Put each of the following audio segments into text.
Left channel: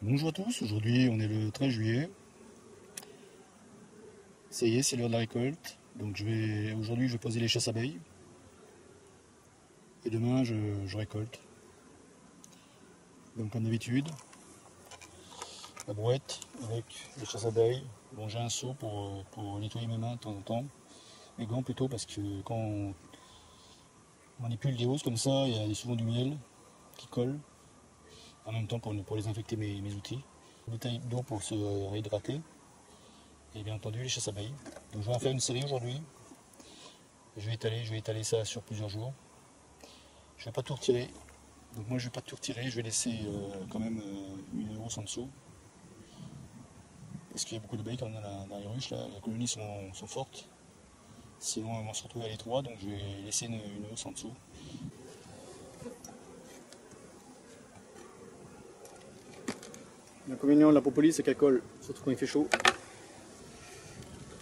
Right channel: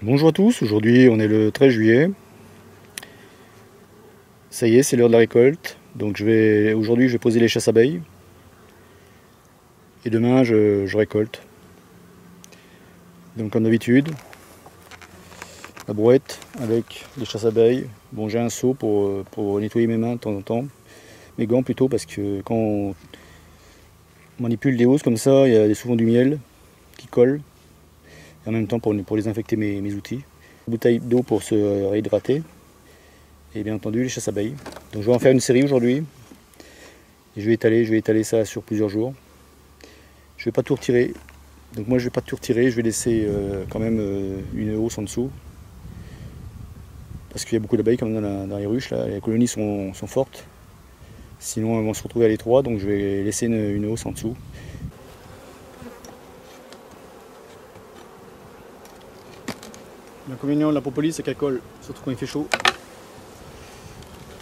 Bonjour à tous, aujourd'hui on est le 13 juillet. Ça y est, c'est l'heure de la récolte. Donc aujourd'hui je vais poser les chasses abeilles. Et demain je récolte. Donc comme d'habitude, la brouette avec les chasses abeilles. Bon, j'ai un seau pour nettoyer mes mains de temps en temps. Mes gants plutôt, parce que quand on manipule des hausses comme ça, il y a souvent du miel qui colle. Et en même temps pour désinfecter mes outils. Une bouteille d'eau pour se réhydrater. Et bien entendu les chasses abeilles. Donc je vais en faire une série aujourd'hui. Et je vais étaler ça sur plusieurs jours. Je vais pas tout retirer. Donc moi je vais pas tout retirer, je vais laisser quand même une hausse en dessous. Parce qu'il y a beaucoup d'abeilles quand même dans les ruches là. Les colonies sont fortes. Sinon elles vont se retrouver à l'étroit, donc je vais laisser une hausse en dessous. L'inconvénient de la propolis, c'est qu'elle colle, surtout quand il fait chaud.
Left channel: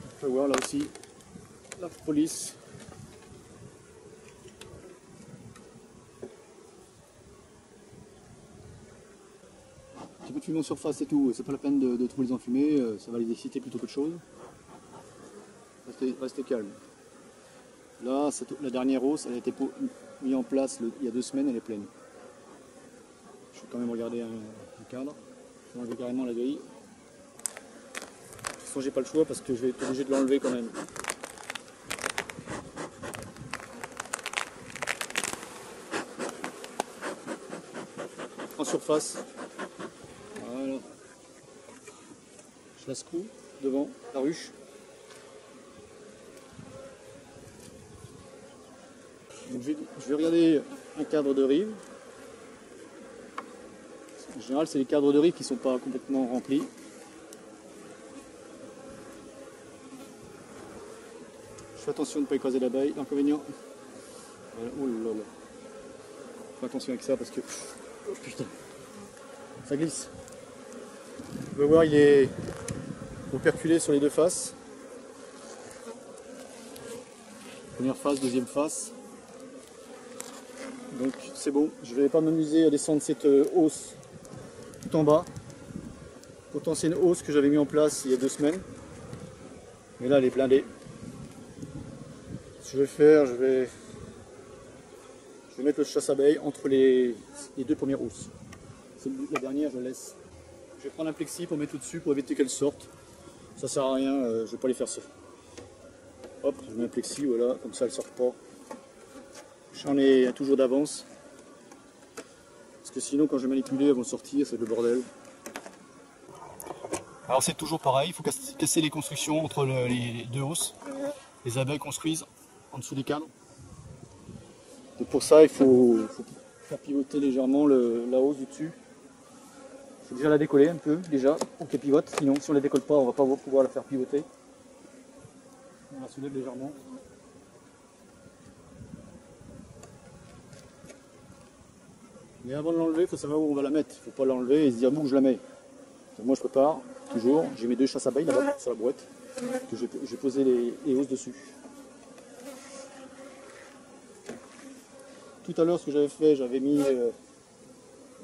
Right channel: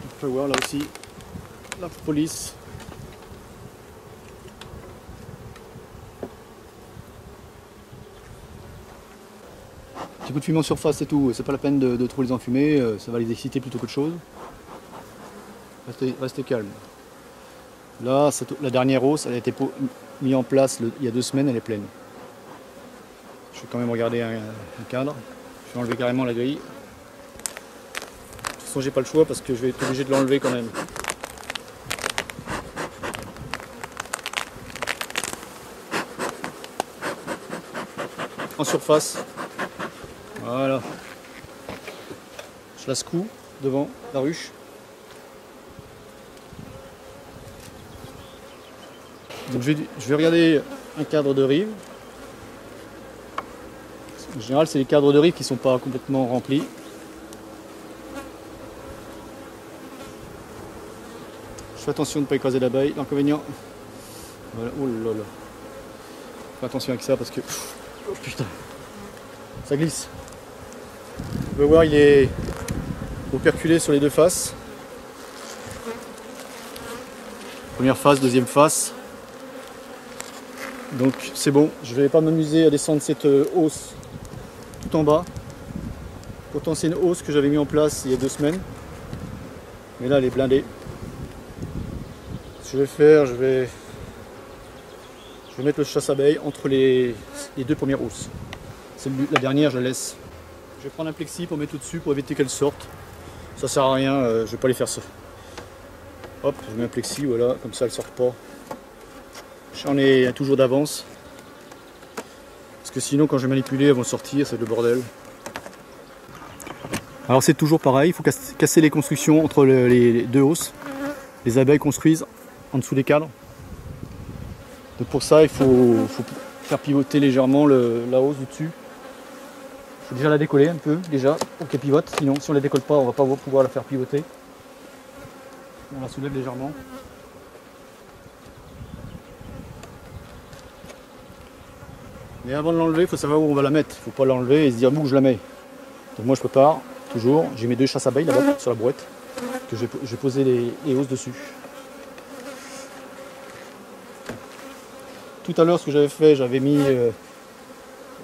On peut voir là aussi la propolis. Petit coup de fumée en surface et tout, c'est pas la peine de trop les enfumer, ça va les exciter plutôt qu'autre chose. Restez calme. Là, la dernière hausse, elle a été mise en place il y a 2 semaines, elle est pleine. Je vais quand même regarder un cadre. Je vais enlever carrément la grille. De toute façon, j'ai pas le choix parce que je vais être obligé de l'enlever quand même. En surface. Voilà. Je la secoue devant la ruche. Donc je vais regarder un cadre de rive. En général, c'est les cadres de rive qui ne sont pas complètement remplis. Je fais attention de ne pas écraser l'abeille. L'inconvénient. Voilà. Oh là là. Fais attention avec ça parce que. Oh putain. Ça glisse. Vous pouvez voir, il est operculé sur les deux faces. Première face, deuxième face. Donc c'est bon, je ne vais pas m'amuser à descendre cette hausse tout en bas. Pourtant c'est une hausse que j'avais mis en place il y a 2 semaines. Mais là elle est blindée. Ce que je vais faire, je vais mettre le chasse-abeille entre les 2 premières hausses. La dernière je la laisse. Je vais prendre un plexi pour mettre au-dessus pour éviter qu'elle sorte. Ça sert à rien, je ne vais pas les faire ça. Hop, je mets un plexi, voilà, comme ça elles ne sortent pas. J'en ai toujours d'avance. Parce que sinon quand je vais manipuler elles vont sortir, c'est le bordel. Alors c'est toujours pareil, il faut casser les constructions entre les 2 hausses. Les abeilles construisent en dessous des cadres. Donc pour ça il faut faire pivoter légèrement la hausse du dessus. Il faut déjà la décoller un peu déjà pour qu'elle pivote, sinon si on ne la décolle pas on ne va pas pouvoir la faire pivoter. On la soulève légèrement. Mais avant de l'enlever, il faut savoir où on va la mettre. Il ne faut pas l'enlever et se dire où je la mets. Donc moi je prépare toujours, j'ai mes 2 chasses abeilles là-bas sur la brouette, que je vais poser les hausses dessus. Tout à l'heure ce que j'avais fait, j'avais mis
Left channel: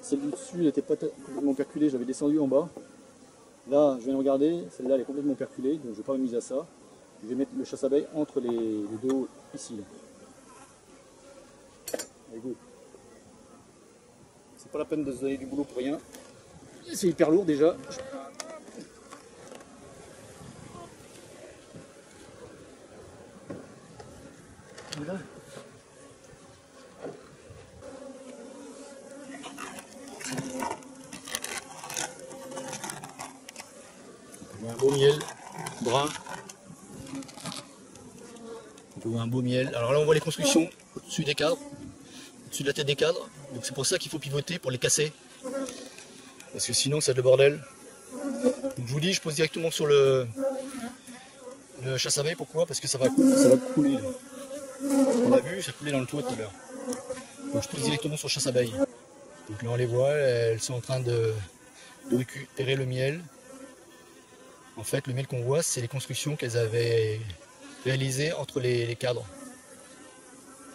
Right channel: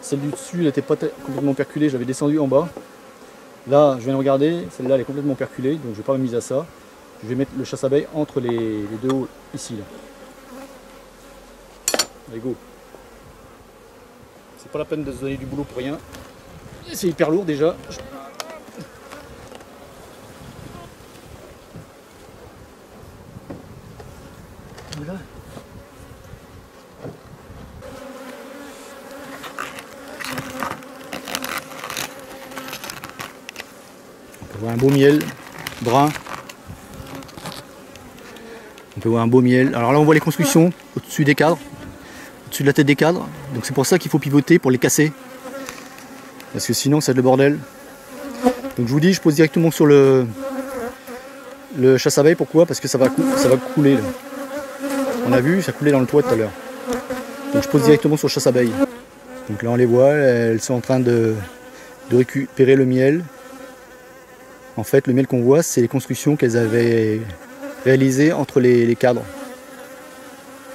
celle du dessus, elle n'était pas complètement perculée, j'avais descendu en bas. Là je viens de regarder, celle-là elle est complètement perculée, donc je ne vais pas m'amuser à ça. Je vais mettre le chasse abeille entre les 2 hauts ici. Là. Allez go. C'est pas la peine de se donner du boulot pour rien. C'est hyper lourd déjà. Voilà. On peut voir un beau miel brun. On peut voir un beau miel. Alors là on voit les constructions au-dessus des cadres, au-dessus de la tête des cadres. Donc c'est pour ça qu'il faut pivoter pour les casser. Parce que sinon c'est le bordel. Donc je vous dis, je pose directement sur le chasse abeille. Pourquoi? Parce que ça va couler. Là. On a vu, ça coulait dans le toit tout à l'heure. Donc je pose directement sur le chasse abeille. Donc là on les voit, elles sont en train de récupérer le miel. En fait le miel qu'on voit c'est les constructions qu'elles avaient réalisées entre les cadres.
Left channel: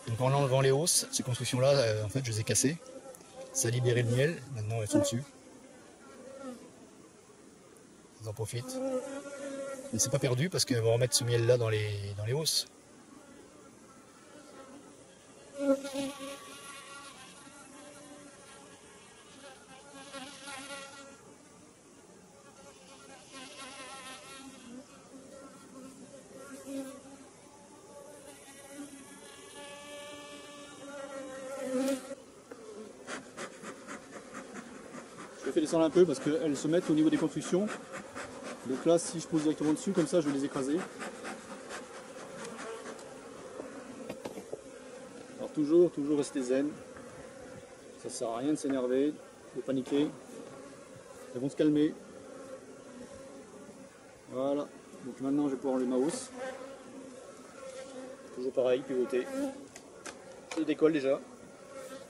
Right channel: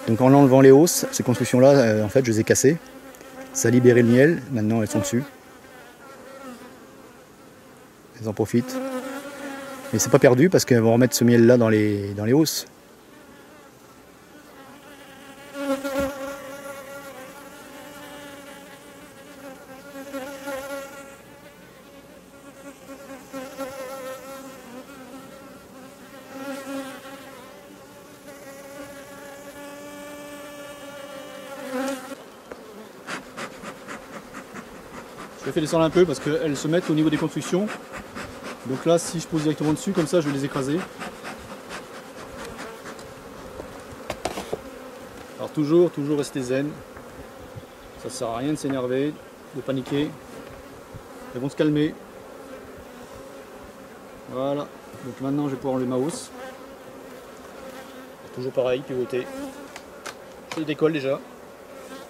Donc en enlevant les hausses, ces constructions là en fait je les ai cassées. Ça a libéré le miel, maintenant elles sont dessus. ils en profitent. Mais c'est pas perdu parce qu'elles vont remettre ce miel là dans les hausses. Je les fais descendre un peu parce qu'elles se mettent au niveau des constructions. Donc là, si je pose directement dessus, comme ça, je vais les écraser. Alors toujours rester zen. Ça sert à rien de s'énerver, de paniquer. Elles vont se calmer. Voilà. Donc maintenant, je vais pouvoir enlever ma hausse. Toujours pareil, pivoter. Je décolle déjà.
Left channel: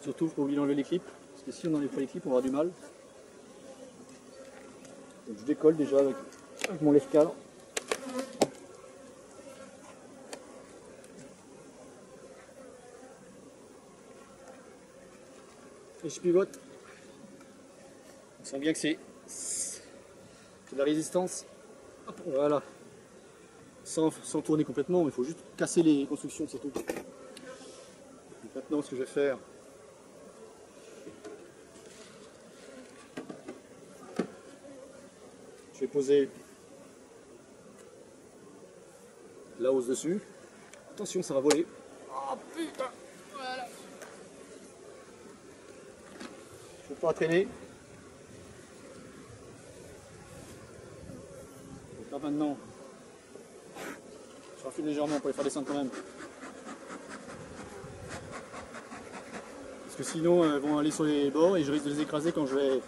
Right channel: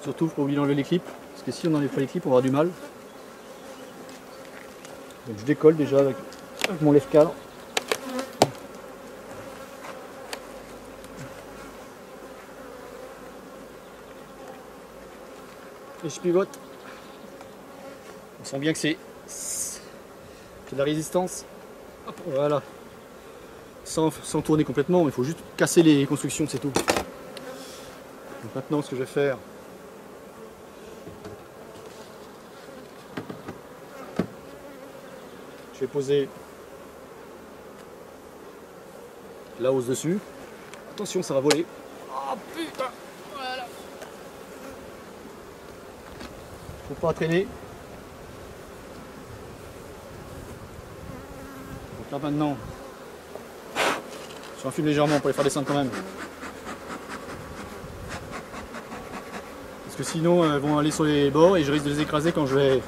Surtout, il faut pas oublier d'enlever les clips. Parce que si on n'enlève pas les clips, on va avoir du mal. Donc je décolle déjà avec mon lève-cadre. Et je pivote. On sent bien que c'est de la résistance. Hop, voilà. Sans tourner complètement, il faut juste casser les constructions, c'est tout. Donc maintenant, ce que je vais faire, je vais poser la hausse dessus. Attention, ça va voler. Oh putain, voilà. Faut pas traîner. Donc là maintenant, je refile légèrement pour les faire descendre quand même. Parce que sinon elles vont aller sur les bords et je risque de les écraser quand je vais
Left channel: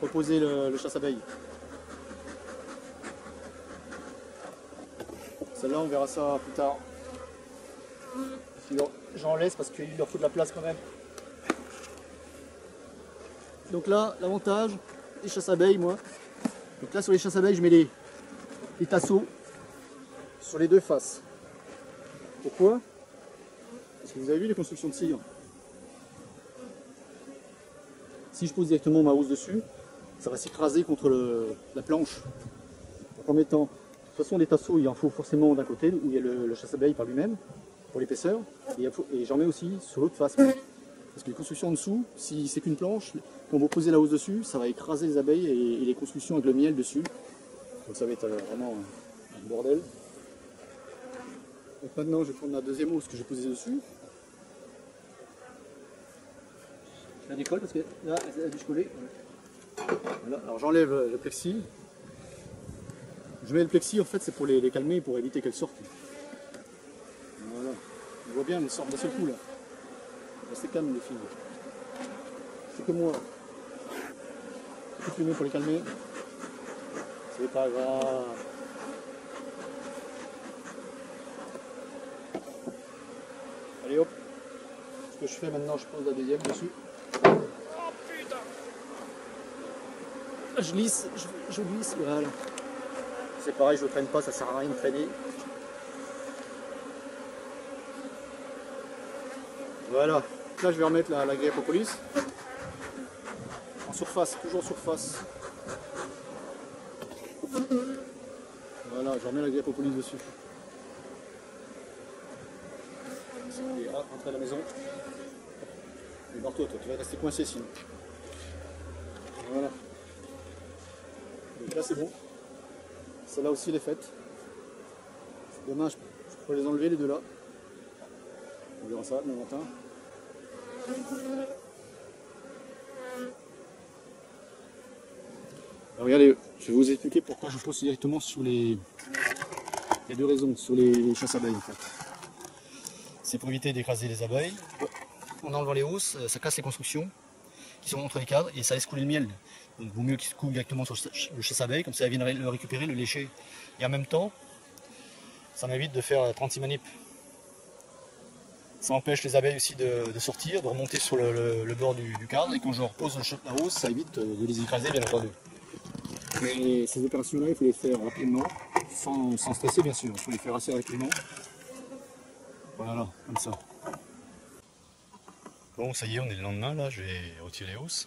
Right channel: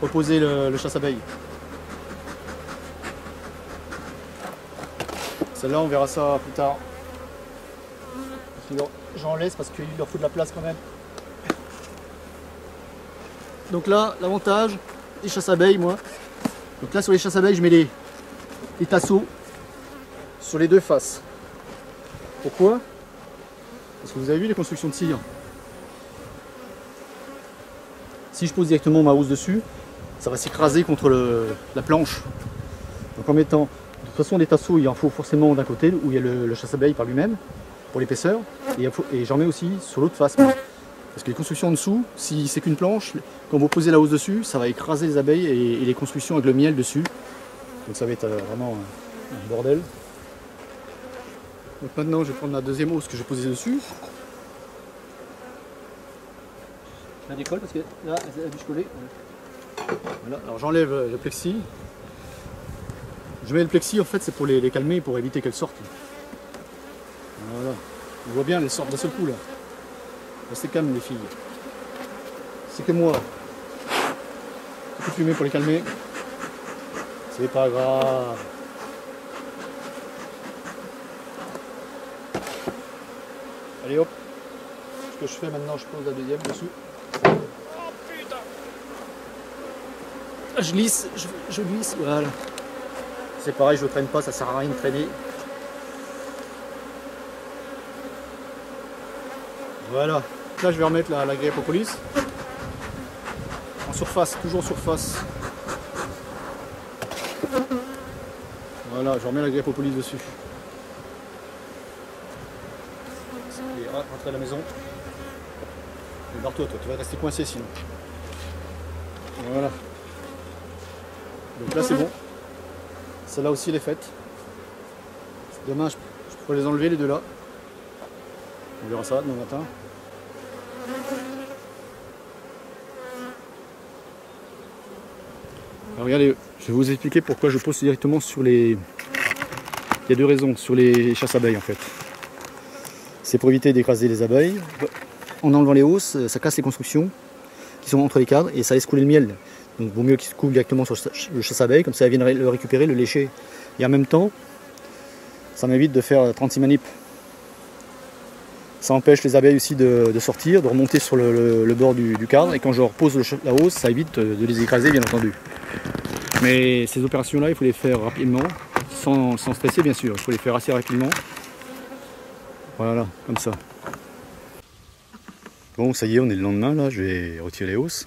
reposer le chasse-abeille. Celle-là, on verra ça plus tard. J'en laisse parce qu'il leur faut de la place quand même. Donc là, l'avantage des chasse-abeilles, moi. Donc là, sur les chasse-abeilles, je mets les tasseaux sur les deux faces. Pourquoi? Parce que vous avez vu les constructions de cire. Si je pose directement ma housse dessus, ça va s'écraser contre la planche. Donc en mettant, de toute façon, des tasseaux, il en faut forcément d'un côté où il y a le chasse-abeille par lui-même pour l'épaisseur, et j'en mets aussi sur l'autre face. Parce que les constructions en dessous, si c'est qu'une planche, quand vous posez la housse dessus, ça va écraser les abeilles et les constructions avec le miel dessus. Donc ça va être vraiment un bordel. Donc maintenant, je vais prendre la deuxième hausse que j'ai posée dessus. Je la décolle parce que là, elle a dû se coller. Voilà. Alors j'enlève le plexi. Je mets le plexi, en fait, c'est pour les calmer, pour éviter qu'elles sortent. Voilà. On voit bien, elles sortent d'un seul coup là. Restez calmes les filles. C'est que moi. Un peu fumé pour les calmer. C'est pas grave. Allez hop. Ce que je fais maintenant, je pose la deuxième dessus. Oh putain. Je glisse, je glisse, voilà. C'est pareil, je ne traîne pas, ça sert à rien de traîner. Voilà. Là, je vais remettre la grille propolis. En surface, toujours en surface. Voilà, je remets la grille propolis dessus. Et rentrer à la maison. Et barre-toi, toi, tu vas rester coincé sinon. Voilà. Donc là, c'est bon. Celle-là aussi, elle est faite. Demain, je pourrais les enlever, les deux là. On verra ça demain matin. Alors regardez, je vais vous expliquer pourquoi je pose directement sur les... Il y a deux raisons, sur les chasses abeilles en fait. C'est pour éviter d'écraser les abeilles. En enlevant les hausses, ça casse les constructions qui sont entre les cadres et ça laisse couler le miel. Donc il vaut mieux qu'ils se coulent directement sur le chasse abeilles, comme ça elles viennent le récupérer, le lécher. Et en même temps, ça m'évite de faire 36 manips. Ça empêche les abeilles aussi de sortir, de remonter sur le bord du cadre, et quand je repose la hausse, ça évite de les écraser bien entendu. Mais ces opérations-là, il faut les faire rapidement, sans stresser bien sûr, il faut les faire assez rapidement. Voilà, comme ça. Bon, ça y est, on est le lendemain, là, je vais retirer les hausses.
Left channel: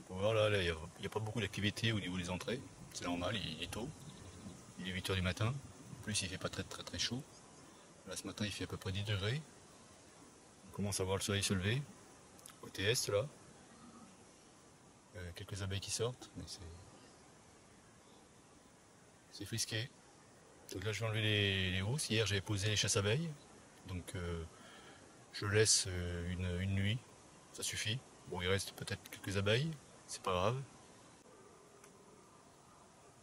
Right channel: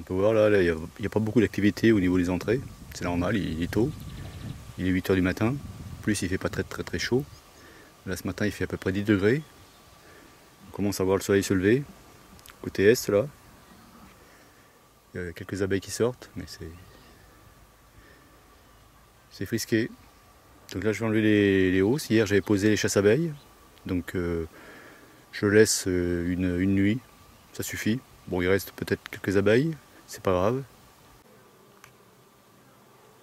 On peut voir là, il n'y a pas beaucoup d'activité au niveau des entrées. c'est normal, il est tôt. Il est 8 h du matin. En plus, il fait pas très chaud. Là, ce matin, il fait à peu près 10 degrés. On commence à voir le soleil se lever. Côté est, là. Il y a quelques abeilles qui sortent, mais c'est frisqué. Donc là, je vais enlever les hausses. Hier, j'avais posé les chasses-abeilles. Donc, je laisse une nuit. Ça suffit. Bon, il reste peut-être quelques abeilles. C'est pas grave.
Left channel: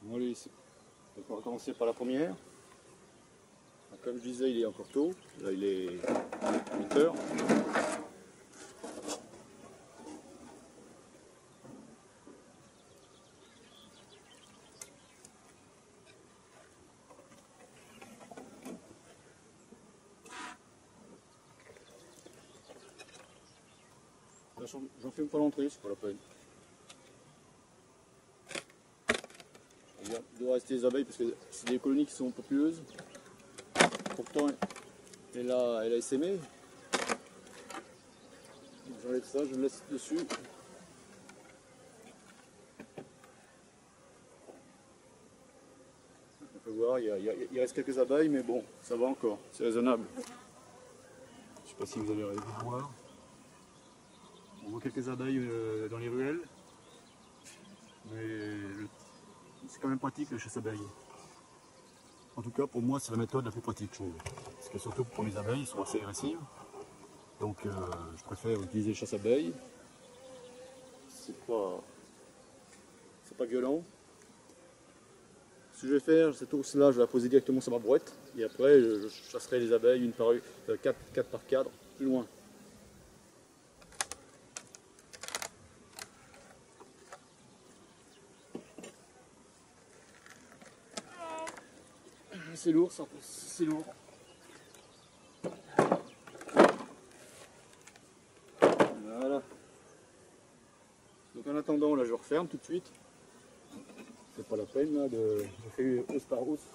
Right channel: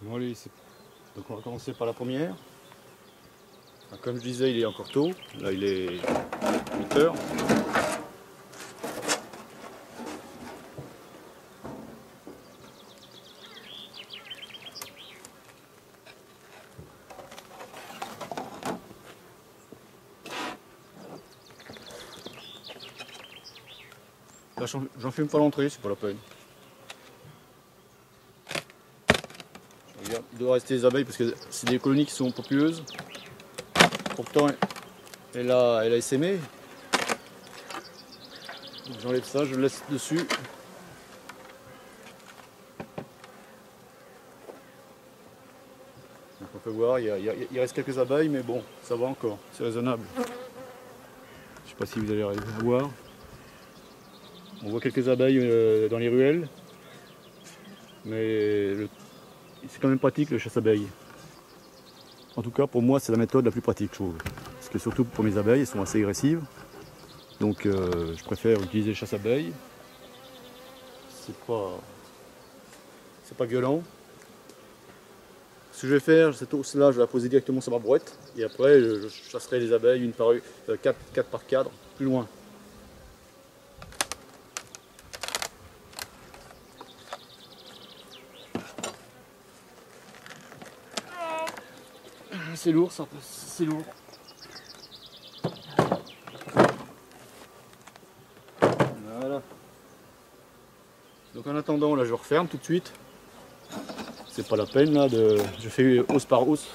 Bon, allez, donc on va commencer par la première. Comme je disais, il est encore tôt. Là, il est 8 h. Là, j'en fume pas l'entrée, c'est pas la peine. Regarde, il doit rester les abeilles parce que c'est des colonies qui sont populeuses. Pourtant, elle a essaimé. J'enlève ça, je le laisse dessus. Donc on peut voir, il reste quelques abeilles, mais bon, ça va encore, c'est raisonnable. Je ne sais pas si vous allez arriver à voir. On voit quelques abeilles dans les ruelles, mais c'est quand même pratique le chasse-abeilles. En tout cas, pour moi, c'est la méthode la plus pratique, je trouve. Parce que surtout pour mes abeilles, elles sont assez agressives. Donc, je préfère utiliser le chasse-abeilles. C'est pas violent. Ce que je vais faire, cette hausse-là, je vais la poser directement sur ma brouette. Et après, je chasserai les abeilles une par une, 4 par cadre, plus loin. C'est lourd, ça, c'est lourd. Voilà. Donc en attendant, là je referme tout de suite. C'est pas la peine là je fais hausse par hausse.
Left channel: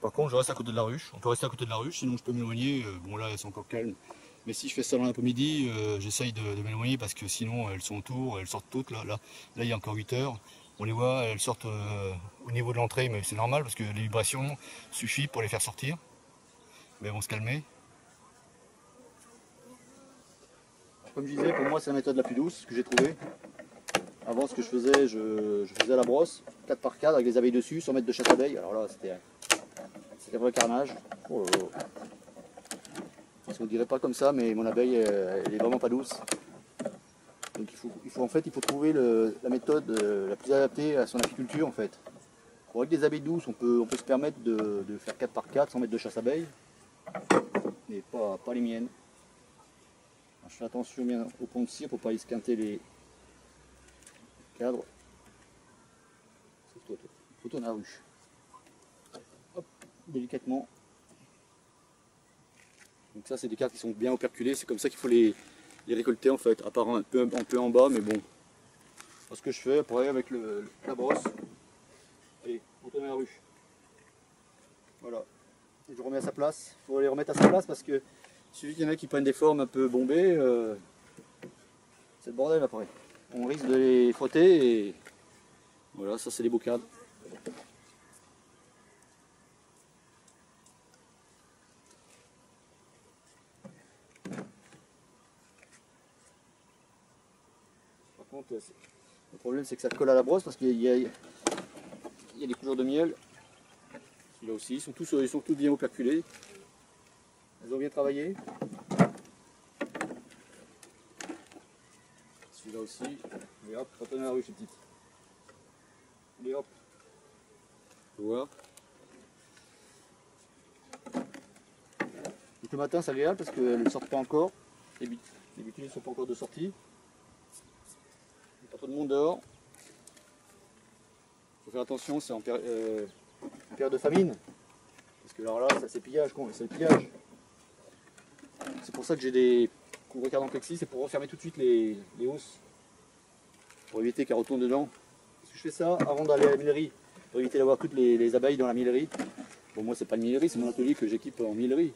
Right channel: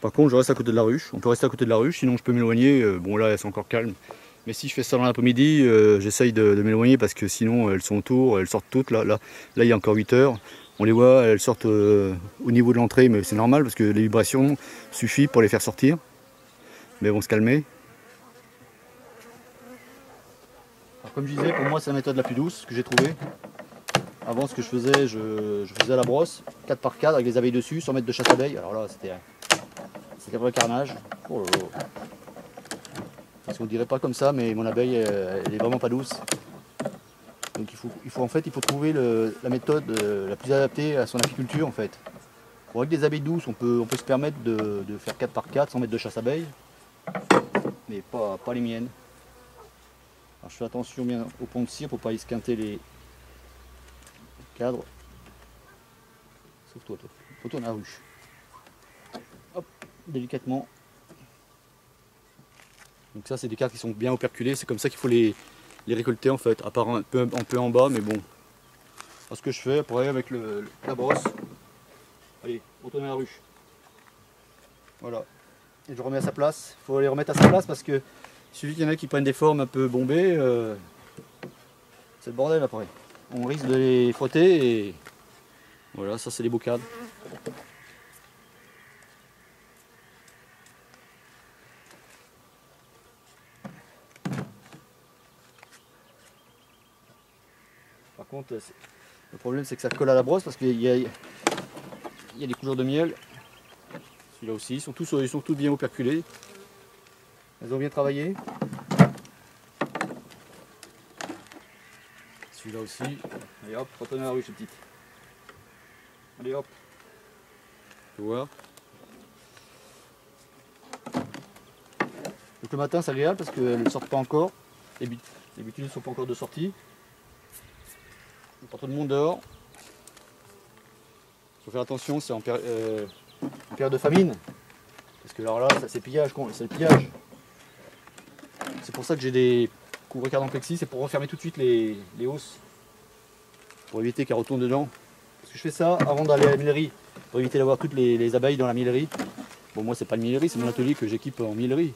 Par contre, je reste à côté de la ruche. On peut rester à côté de la ruche, sinon je peux m'éloigner. Bon là, c'est encore calme. Mais si je fais ça dans l'après-midi, j'essaye de m'éloigner parce que sinon elles sont autour, elles sortent toutes. Là, il y a encore 8 h. On les voit, elles sortent au niveau de l'entrée, mais c'est normal parce que les vibrations suffisent pour les faire sortir. Mais elles vont se calmer. Alors, comme je disais, pour moi c'est la méthode la plus douce que j'ai trouvée. Avant, ce que je faisais, je faisais à la brosse, 4 par 4 avec les abeilles dessus, sans mettre de chasse-abeilles. Alors là, c'était un vrai carnage. Oh là là. Parce qu'on ne dirait pas comme ça, mais mon abeille, elle est vraiment pas douce. Donc il faut trouver la méthode la plus adaptée à son apiculture en fait. Pour avec des abeilles douces, on peut se permettre de faire 4 par 4 sans mettre de chasse-abeilles, mais pas les miennes. Alors je fais attention bien au pont de cire pour ne pas esquinter les cadres. Sauf toi, faut tourner la ruche. Hop, délicatement. Donc ça c'est des cadres qui sont bien operculés, c'est comme ça qu'il faut les récolter en fait, à part un peu en bas, mais bon. Alors, ce que je fais après avec la brosse, allez, retourner la ruche. Voilà. Et je remets à sa place. Il faut les remettre à sa place parce que il suffit qu'il y en a qui prennent des formes un peu bombées. C'est le bordel après. On risque de les frotter et voilà, ça c'est les beaux cadres. Par contre, le problème c'est que ça colle à la brosse parce qu'il y a des couleurs de miel. Celui-là aussi, ils sont tous bien operculés. Elles ont bien travaillé. Celui-là aussi. Allez hop, retournez à la ruche ces petites. Allez hop. Tu vois. Donc le matin c'est agréable parce qu'elles ne sortent pas encore. Les butines ne sont pas encore de sortie. Il n'y a pas trop de monde dehors. Il faut faire attention, c'est en période de famine. Parce que alors là, c'est pillage, c'est le pillage. C'est pour ça que j'ai des couvre-cadres en plexi, c'est pour refermer tout de suite les hausses. Pour éviter qu'elles retournent dedans. Parce que je fais ça avant d'aller à la millerie. Pour éviter d'avoir toutes les abeilles dans la millerie. Bon, moi c'est pas le millerie, c'est mon atelier que j'équipe en millerie.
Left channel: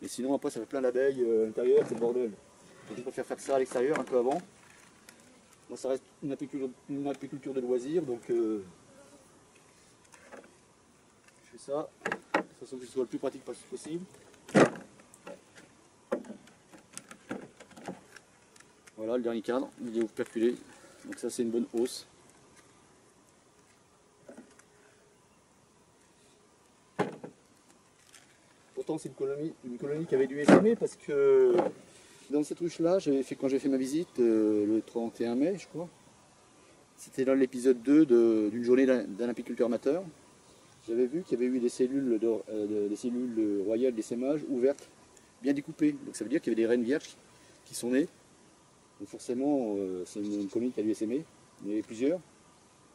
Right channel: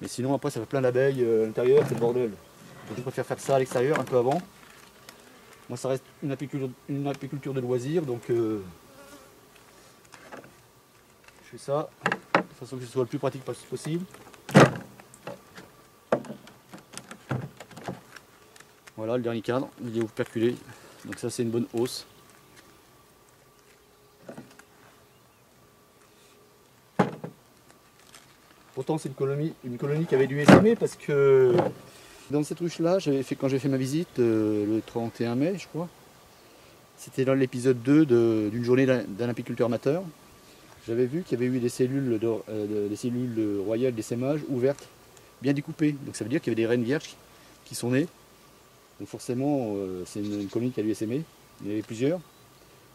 Mais sinon après ça fait plein d'abeilles à l'intérieur, c'est le bordel. Donc je préfère faire ça à l'extérieur un peu avant. Moi ça reste une apiculture de loisir, donc je fais ça de façon que ce soit le plus pratique possible. Voilà le dernier cadre, il est operculé, donc ça c'est une bonne hausse. Pourtant c'est une colonie qui avait dû essaimer parce que dans cette ruche là, quand j'ai fait ma visite le 31 mai je crois, c'était dans l'épisode 2 d'une journée d'un apiculteur amateur, j'avais vu qu'il y avait eu des cellules royales d'essaimage ouvertes, bien découpées, donc ça veut dire qu'il y avait des reines vierges qui sont nées. Donc forcément, c'est une colonie qui a dû essaimer. Il y en avait plusieurs.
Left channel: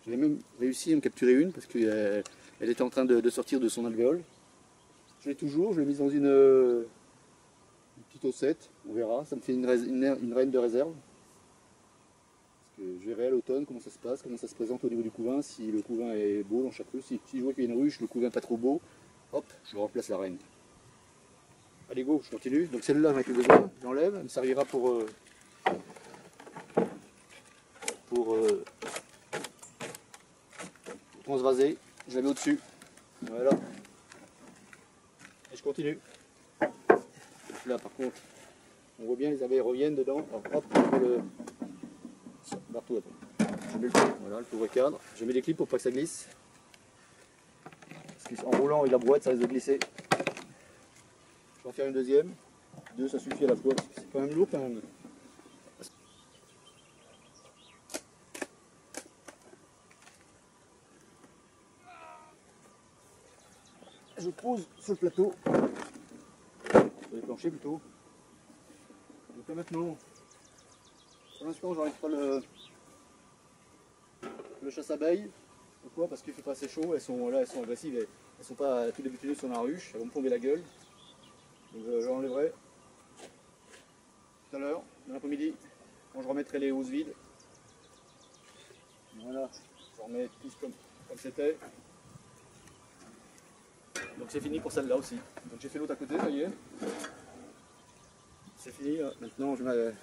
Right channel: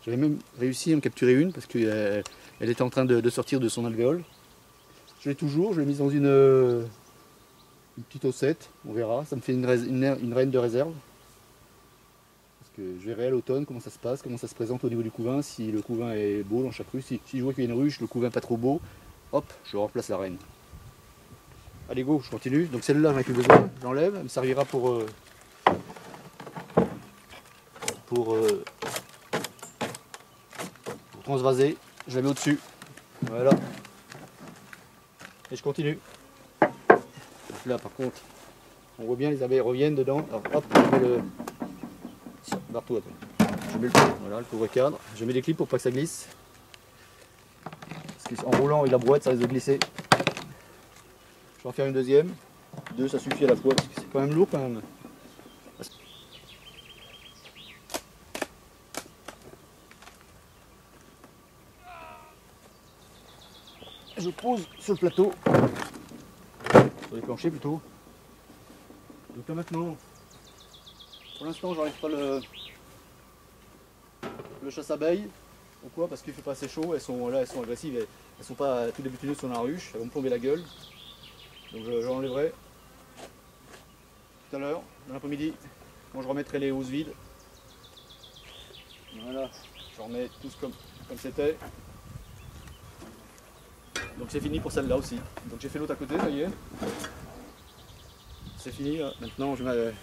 J'avais même réussi à en capturer une parce qu'elle était en train de sortir de son alvéole. Je l'ai toujours, je l'ai mise dans une petite ossette, on verra. Ça me fait une reine de réserve. Parce que je verrai à l'automne comment ça se passe, comment ça se présente au niveau du couvain, si le couvain est beau dans chaque ruche. Si je vois qu'il y a une ruche, le couvain pas trop beau, hop, je remplace la reine. Allez go, je continue. Donc celle-là, j'en ai plus besoin, j'enlève, elle me servira pour transvaser, je la mets au-dessus, voilà, et je continue. Là par contre, on voit bien les abeilles reviennent dedans, alors hop, je mets le... Partout, attends. Je mets le voilà, le couvre-cadre, je mets des clips pour pas que ça glisse, parce qu'en roulant avec la brouette ça risque de glisser. Je vais en faire une deuxième, deux ça suffit à la fois, parce que c'est quand même lourd quand même. Je pose sur le plateau, sur les planchers plutôt. Donc là maintenant, pour l'instant j'enlève pas le chasse-abeille. Pourquoi? Parce qu'il fait pas assez chaud, elles sont agressives, elles sont pas tout débutineuses sur la ruche, elles vont me plomber la gueule. Donc j'enlèverai tout à l'heure, dans l'après-midi, quand je remettrai les housses vides. Voilà, je remets tous comme c'était. Donc c'est fini pour celle-là aussi. Donc j'ai fait l'autre à côté, ça y est. C'est fini là. Maintenant je mets...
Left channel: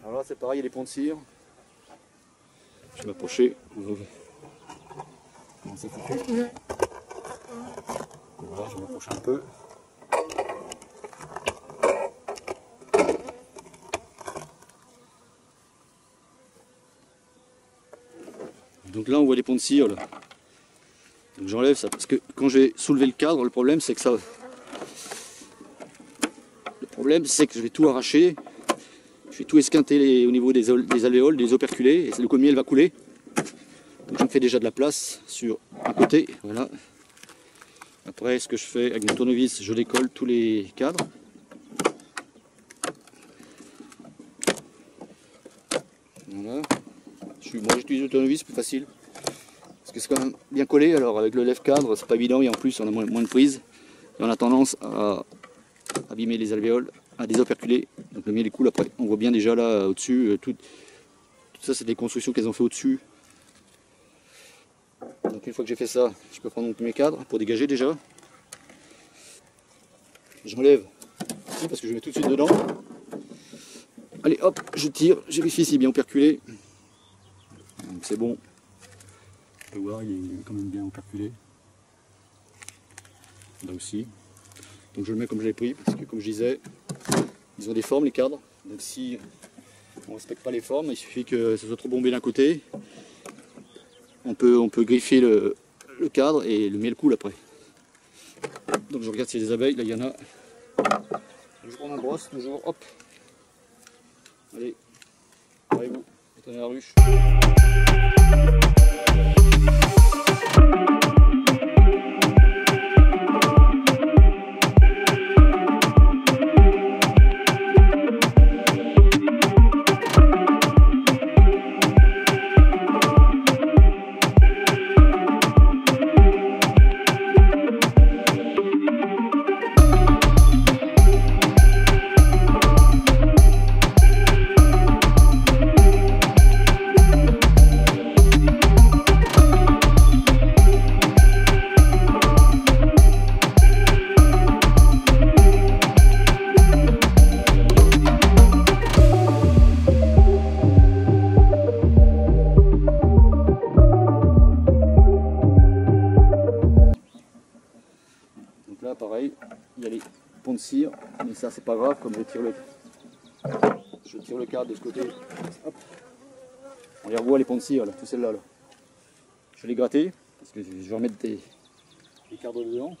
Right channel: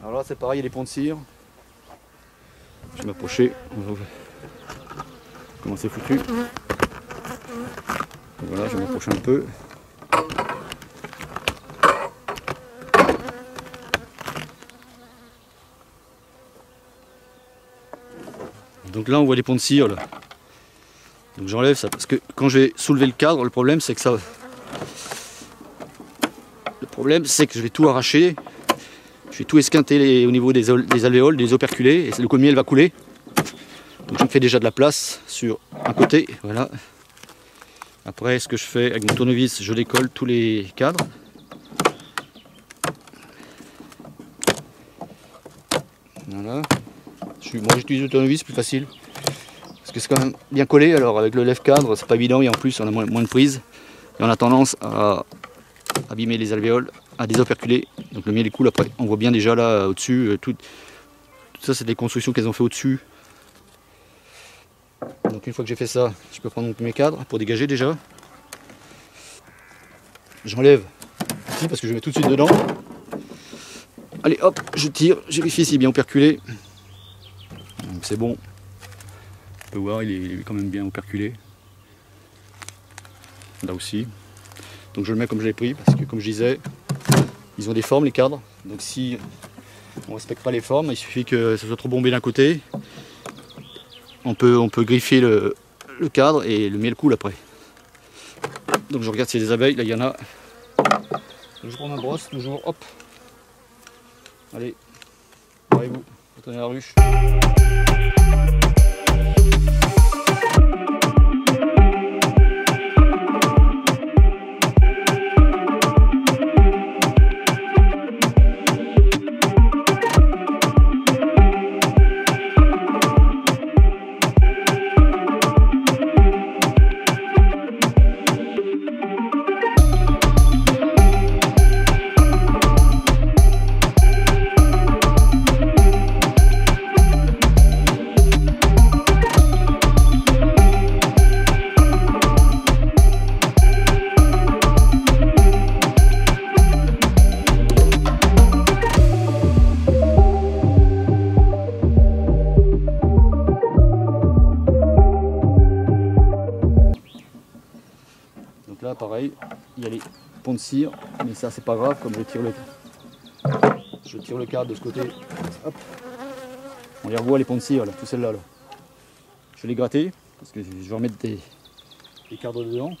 Alors là c'est pareil, il y a des ponts de cire. Je vais m'approcher. Comment c'est foutu. Voilà, je vais m'approcher un peu. Donc là on voit les ponts de cire là. Donc j'enlève ça parce que quand j'ai soulevé le cadre, le problème c'est que ça... Le problème c'est que je vais tout arracher. Je vais tout esquinter au niveau des alvéoles, des operculés, et le miel va couler. Donc je me fais déjà de la place sur un côté, voilà. Après ce que je fais avec mon tournevis, je décolle tous les cadres. Voilà. Moi j'utilise le tournevis, plus facile. Parce que c'est quand même bien collé, alors avec le lève-cadre c'est pas évident et en plus on a moins de prise. Et on a tendance à abîmer les alvéoles, à désoperculer. Donc le miel il coule après. On voit bien déjà là au-dessus, tout ça c'est des constructions qu'elles ont fait au-dessus. Donc une fois que j'ai fait ça, je peux prendre mes cadres pour dégager déjà. J'enlève ici parce que je mets tout de suite dedans. Allez hop, je tire, je vérifie s'il est bien operculé. Donc c'est bon. On peut voir, il est quand même bien operculé. Là aussi. Donc je le mets comme je l'ai pris, parce que comme je disais, ils ont des formes les cadres. Donc si on ne respecte pas les formes, il suffit que ce soit trop bombé d'un côté. On peut griffer le cadre et le miel coule après. Donc je regarde s'il y a des abeilles, là il y en a. Donc je prends ma brosse, toujours, hop. Allez, parez-vous, retournez à la ruche. voyez, il y a les ponts de cire, mais ça c'est pas grave, comme je tire le cadre de ce côté. Hop. On les revoit les ponts de cire, là, tout celles-là. Là. Je vais les gratter, parce que je vais remettre des cadres dedans.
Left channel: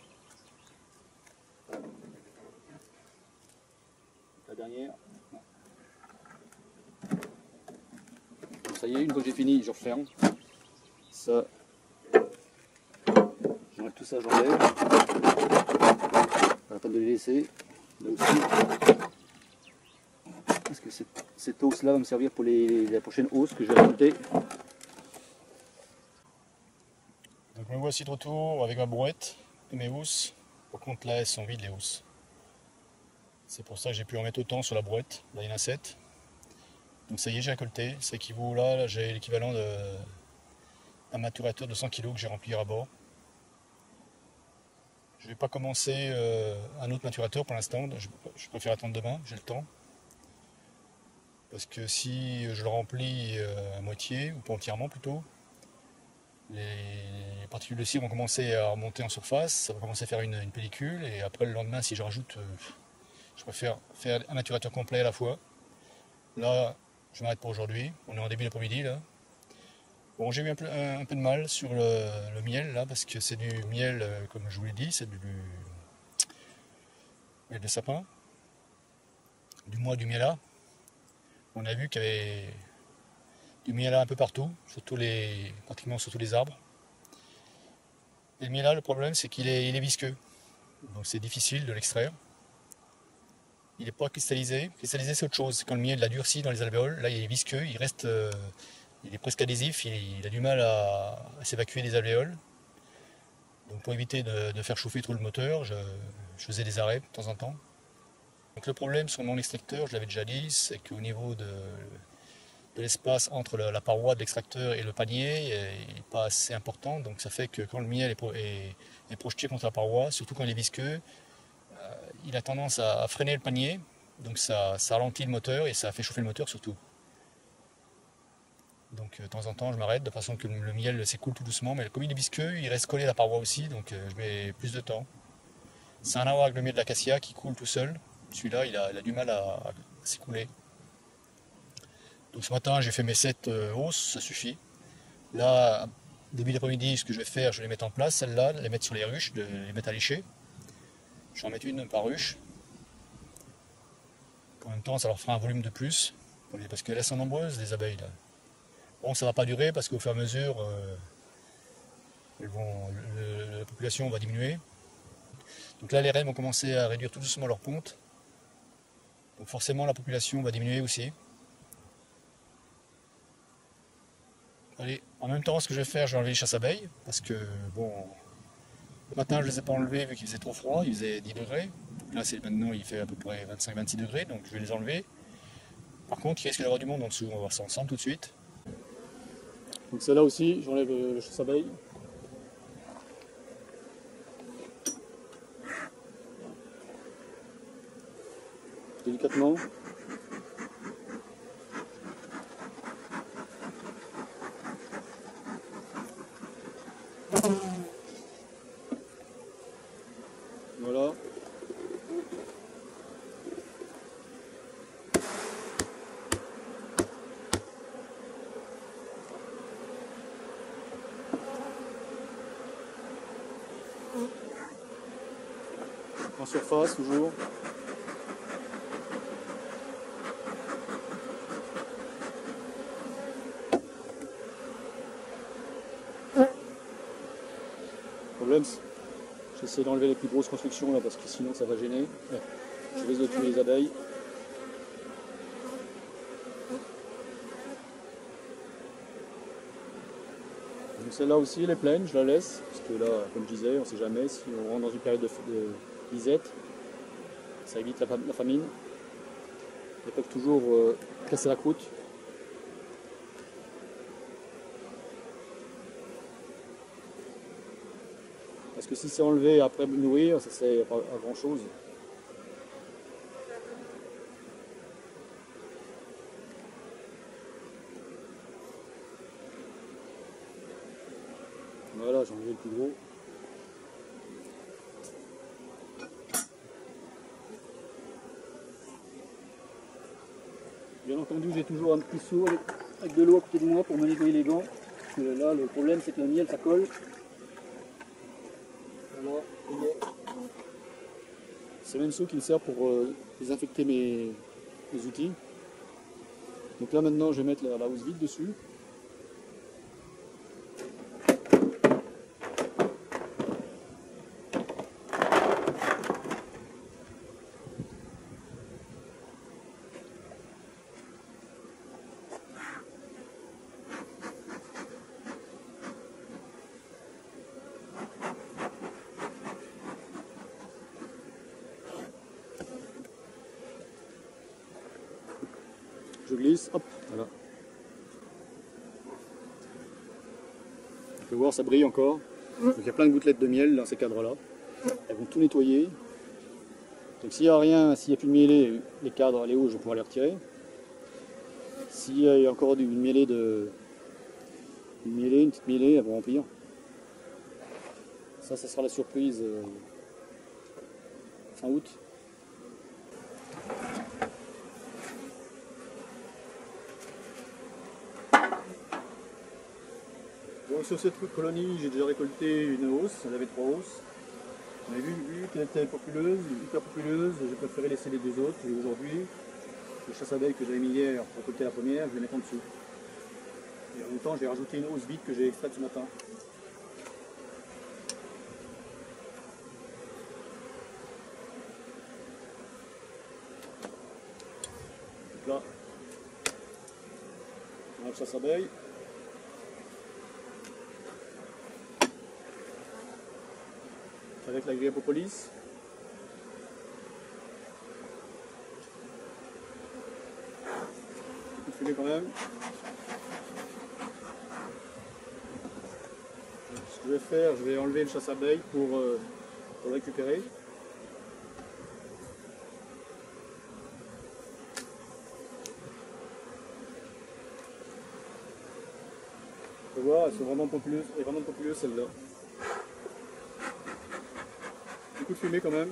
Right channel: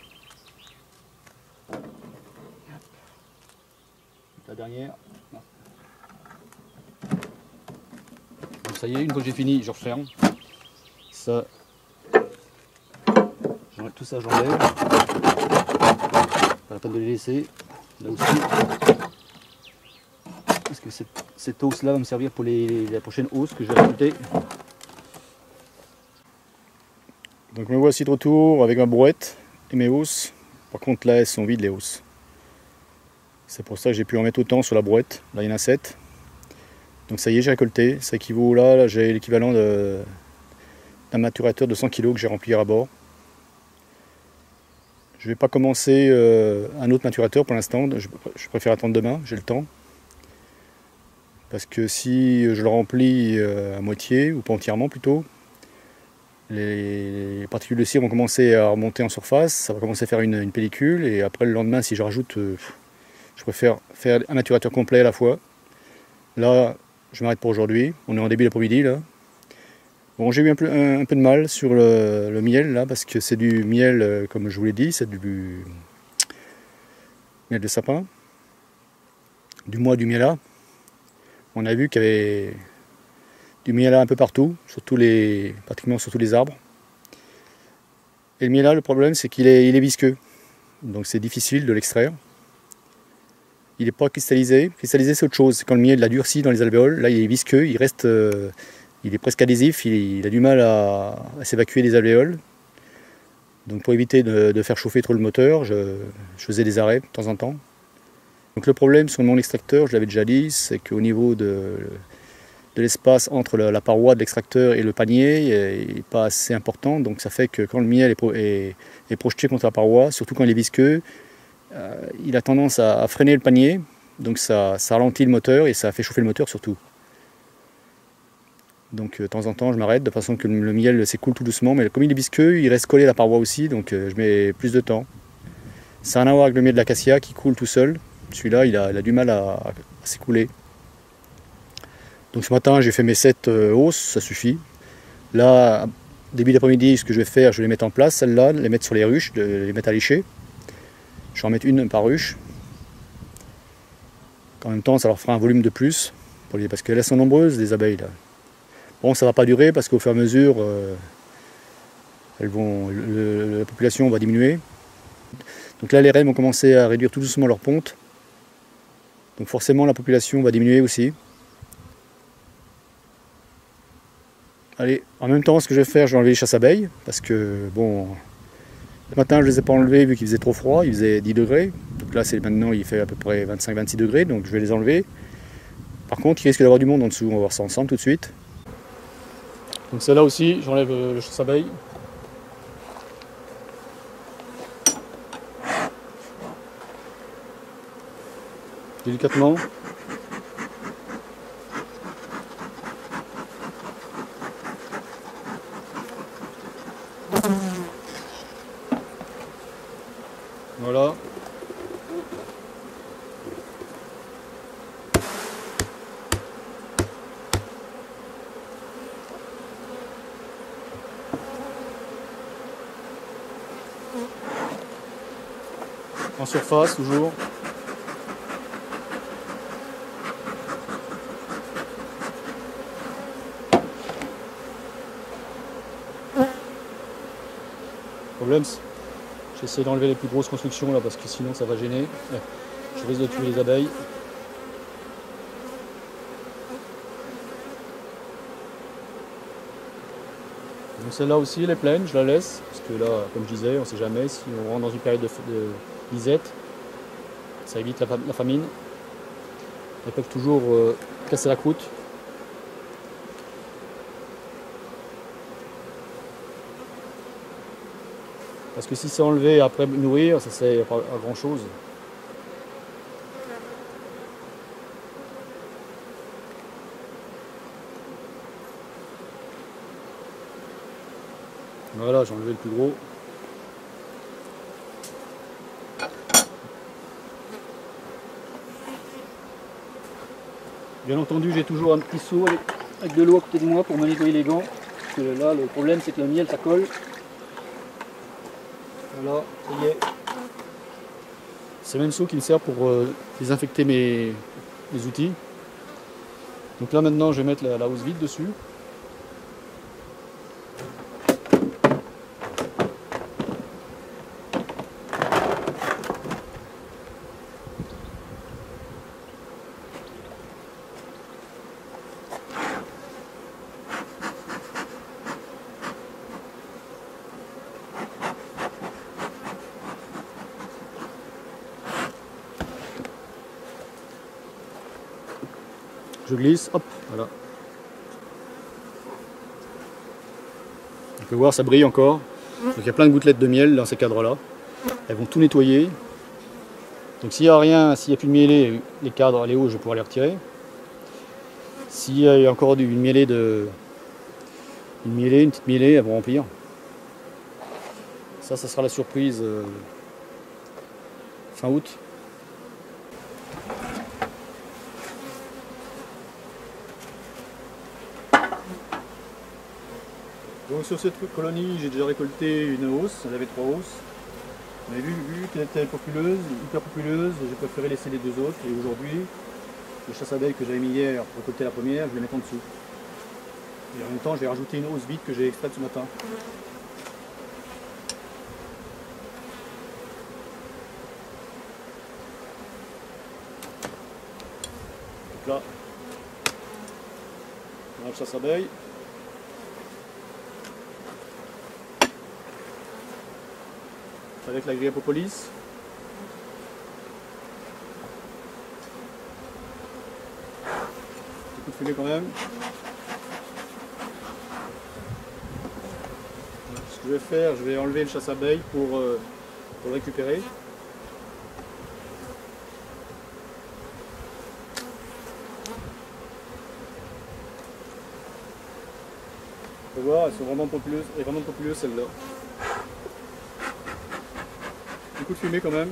La dernière. Donc ça y est, une fois que j'ai fini, je referme. Ça, tout ça j'enlève. Pas la peine de les laisser. Là aussi. Parce que cette hausse là va me servir pour la prochaine hausse que je vais rajouter. Donc me voici de retour avec ma brouette et mes hausses. Par contre là elles sont vides les hausses. C'est pour ça que j'ai pu en mettre autant sur la brouette. Là il y en a 7. Donc ça y est, j'ai récolté. Ça équivaut là j'ai l'équivalent d'un maturateur de 100 kg que j'ai rempli à bord. Je ne vais pas commencer un autre maturateur pour l'instant. Je préfère attendre demain, j'ai le temps. Parce que si je le remplis à moitié, ou pas entièrement plutôt, les particules de cire vont commencer à remonter en surface, ça va commencer à faire une pellicule, et après le lendemain, si je rajoute, je préfère faire un maturateur complet à la fois. Là, je m'arrête pour aujourd'hui, on est en début d'après-midi là. Bon, j'ai eu un peu de mal sur le miel là, parce que c'est du miel, comme je vous l'ai dit, c'est du miel de sapin, du mois du miela. On a vu qu'il y avait du miela un peu partout, pratiquement sur tous les arbres. Et le miela, le problème, c'est qu'il est visqueux. Donc c'est difficile de l'extraire. Il n'est pas cristallisé. Cristallisé, c'est autre chose. Quand le miel l'a durci dans les alvéoles, là il est visqueux, il est presque adhésif, il a du mal à s'évacuer des alvéoles. Donc pour éviter de faire chauffer trop le moteur, je faisais des arrêts de temps en temps. Donc le problème sur mon extracteur, je l'avais déjà dit, c'est qu'au niveau de l'espace entre la paroi de l'extracteur et le panier n'est pas assez important. Donc ça fait que quand le miel est projeté contre la paroi, surtout quand il est visqueux, il a tendance à freiner le panier. Donc ça ralentit le moteur et ça fait chauffer le moteur surtout. Donc de temps en temps je m'arrête de façon que le miel s'écoule tout doucement, mais comme il est visqueux, il reste collé à la paroi aussi, donc je mets plus de temps. Ça n'a rien à voir avec le miel de l'acacia qui coule tout seul. Celui-là il a du mal à s'écouler. Donc ce matin j'ai fait mes 7 hausses, ça suffit. Là, début d'après-midi, ce que je vais faire, je vais les mettre en place, celles-là, les mettre sur les ruches, les mettre à lécher. Je vais en mettre une par ruche. En même temps ça leur fera un volume de plus, parce qu'elles sont nombreuses les abeilles là. Bon, ça ne va pas durer parce qu'au fur et à mesure, la population va diminuer. Donc là, les reines vont commencer à réduire tout doucement leur ponte. Donc forcément, la population va diminuer aussi. Allez, en même temps, ce que je vais faire, je vais enlever les chasses-abeilles. Parce que, bon, ce matin, je ne les ai pas enlevés vu qu'il faisait trop froid. Il faisait 10 degrés. Donc là, maintenant, il fait à peu près 25-26 degrés. Donc je vais les enlever. Par contre, il risque d'avoir du monde en dessous. On va voir ça ensemble tout de suite. Donc celle-là aussi, j'enlève le chasse-abeille. Délicatement. Voilà. En surface toujours. Le problème, j'essaie d'enlever les plus grosses constructions là parce que sinon ça va gêner. Je risque de tuer les abeilles. Donc celle-là aussi elle est pleine, je la laisse parce que là, comme je disais, on ne sait jamais si on rentre dans une période de disette, ça évite la famine. Elles peuvent toujours casser la croûte. Parce que si c'est enlevé après nourrir, ça ne sert pas à grand chose. Voilà, j'ai enlevé le plus gros. Bien entendu, j'ai toujours un petit seau avec de l'eau à côté de moi pour me nettoyer les gants. Parce que là, le problème, c'est que le miel, ça colle. Voilà, ça y est. C'est le même seau qui me sert pour désinfecter mes outils. Donc là, maintenant, je vais mettre la housse vide dessus. Je glisse, hop, voilà. On peut voir, ça brille encore. Donc il y a plein de gouttelettes de miel dans ces cadres-là. Elles vont tout nettoyer. Donc s'il n'y a rien, s'il n'y a plus de mielé, les cadres, les hauts, je vais pouvoir les retirer. S'il y a encore une mielée, une petite mielée, elles vont remplir. Ça sera la surprise fin août. Donc sur cette colonie, j'ai déjà récolté une hausse, j'en avais 3 hausses. Mais vu qu'elle était populeuse, hyper populeuse, j'ai préféré laisser les 2 autres. Et aujourd'hui, le chasse-abeille que j'avais mis hier pour récolter la première, je vais mettre en dessous. Et en même temps, je vais rajouter une hausse vide que j'ai extraite ce matin. Donc là, on a le chasse-abeille. Avec la grille à propolis. Un coup de fumée quand même. Ce que je vais faire, je vais enlever le chasse-abeille pour le récupérer. On peut voir, elles sont vraiment populeuses celles-là. Un coup de fumée quand même.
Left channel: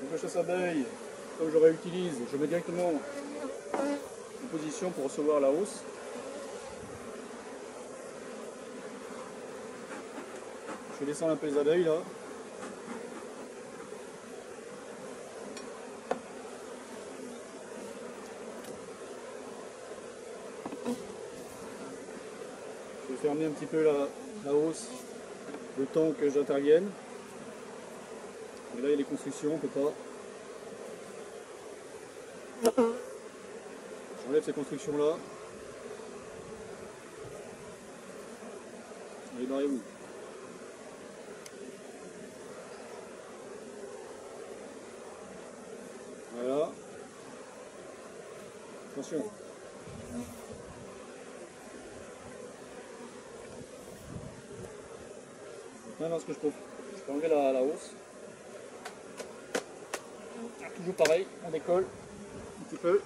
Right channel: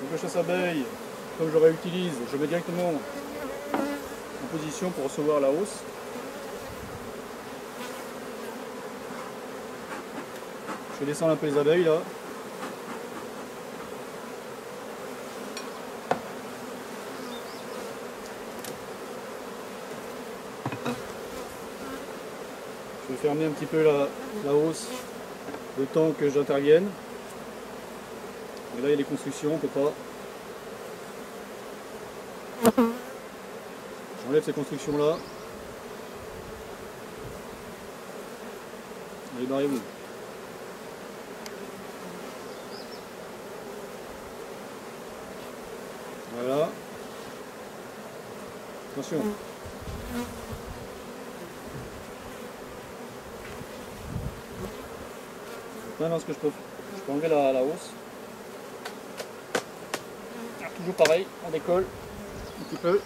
Donc le chasse-abeille, comme je le réutilise, je mets directement en position pour recevoir la hausse. Je vais descendre un peu les abeilles là. Je vais fermer un petit peu la hausse le temps que j'intervienne. Et là il y a les constructions, on peut pas. J'enlève ces constructions là. Allez, barrez-vous. Voilà. Attention. Maintenant, ce que je peux enlever la hausse. Toujours pareil, on décolle un petit peu.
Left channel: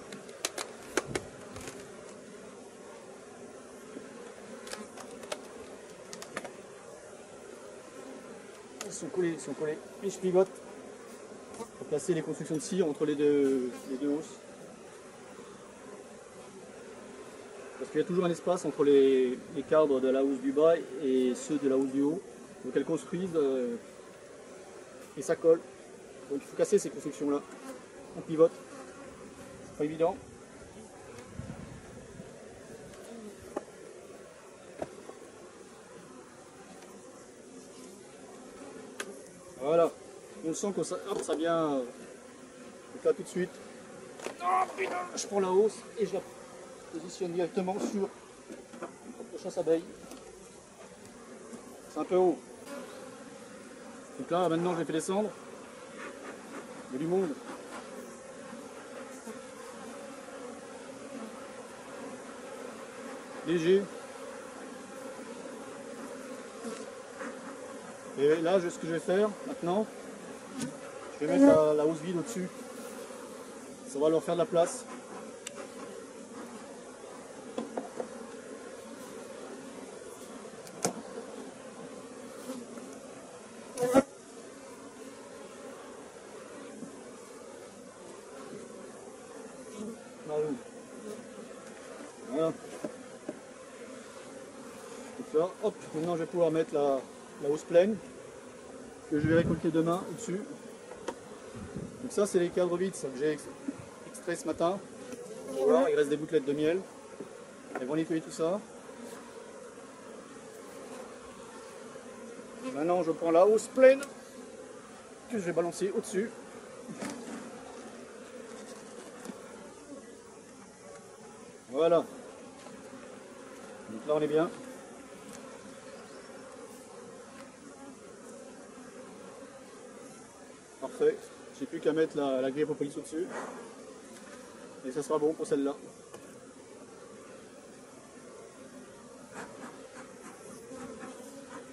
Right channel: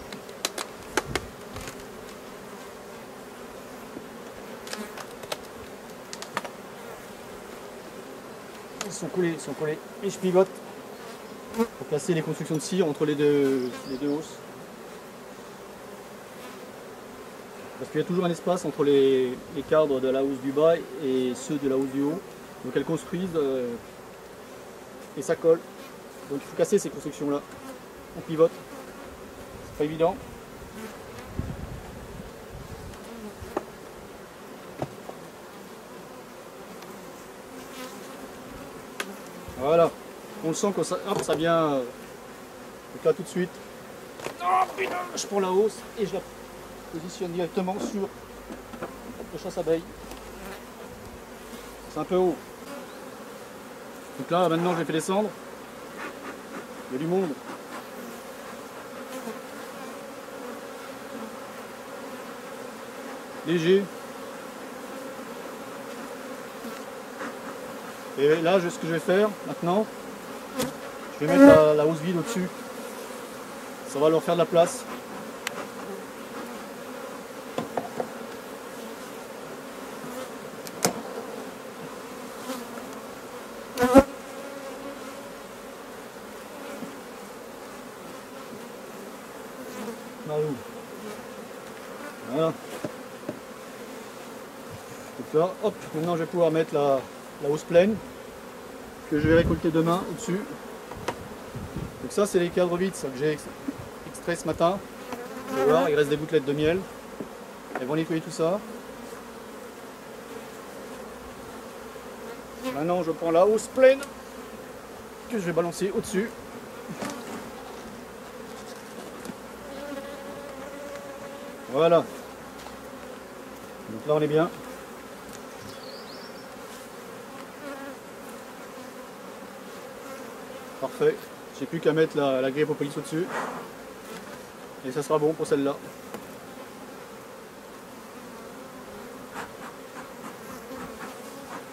Ils sont collés. Et je pivote pour placer les constructions de cire entre les deux hausses. Parce qu'il y a toujours un espace entre les cadres de la hausse du bas et ceux de la hausse du haut. Donc elles construisent et ça colle. Donc il faut casser ces constructions là. On pivote. C'est pas évident. Voilà. On le sent que ça vient. Donc là tout de suite. Oh putain, je prends la hausse et je la positionne directement sur le chasse-abeille. C'est un peu haut. Donc là maintenant je l'ai fait descendre. Il y a du monde. Léger. Et là ce que je vais faire maintenant, Je vais mettre la housse vide au-dessus. Ça va leur faire de la place. Voilà. Donc là, hop, maintenant je vais pouvoir mettre la housse pleine que je vais récolter demain au-dessus. Donc ça c'est les cadres vides que j'ai extraits ce matin. Vous allez voir, il reste des gouttelettes de miel. Elles vont nettoyer tout ça. Maintenant je prends la housse pleine que je vais balancer au-dessus. Voilà. Donc là on est bien. Parfait. J'ai plus qu'à mettre la grille propolis au-dessus. Et ça sera bon pour celle-là.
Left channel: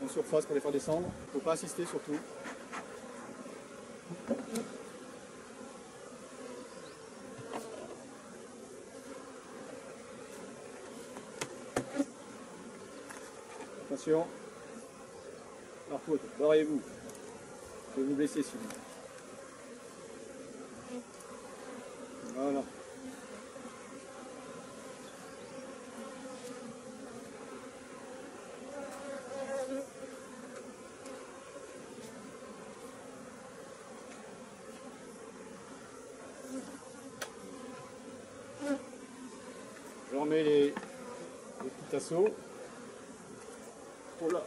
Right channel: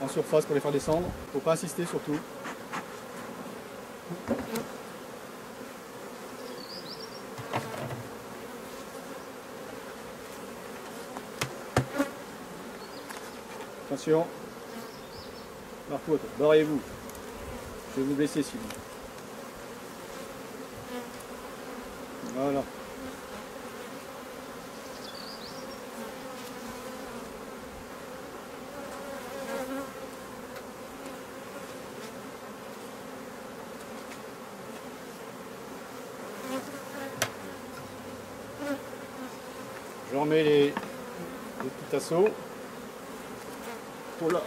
En surface pour les faire descendre. Faut pas insister surtout. Attention. Marcotte, barrez-vous. Je vais vous blesser sinon. Voilà. Je remets les petits tasseaux pour la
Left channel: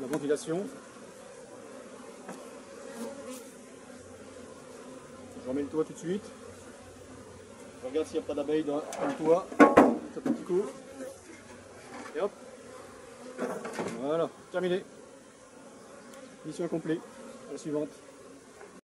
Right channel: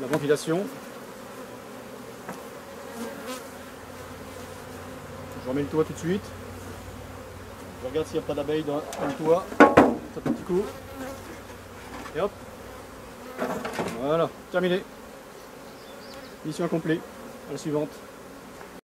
ventilation. Je remets le toit tout de suite. Je regarde s'il n'y a pas d'abeilles dans le toit. Un petit coup. Et hop. Voilà, terminé. Mission accomplie. À la suivante.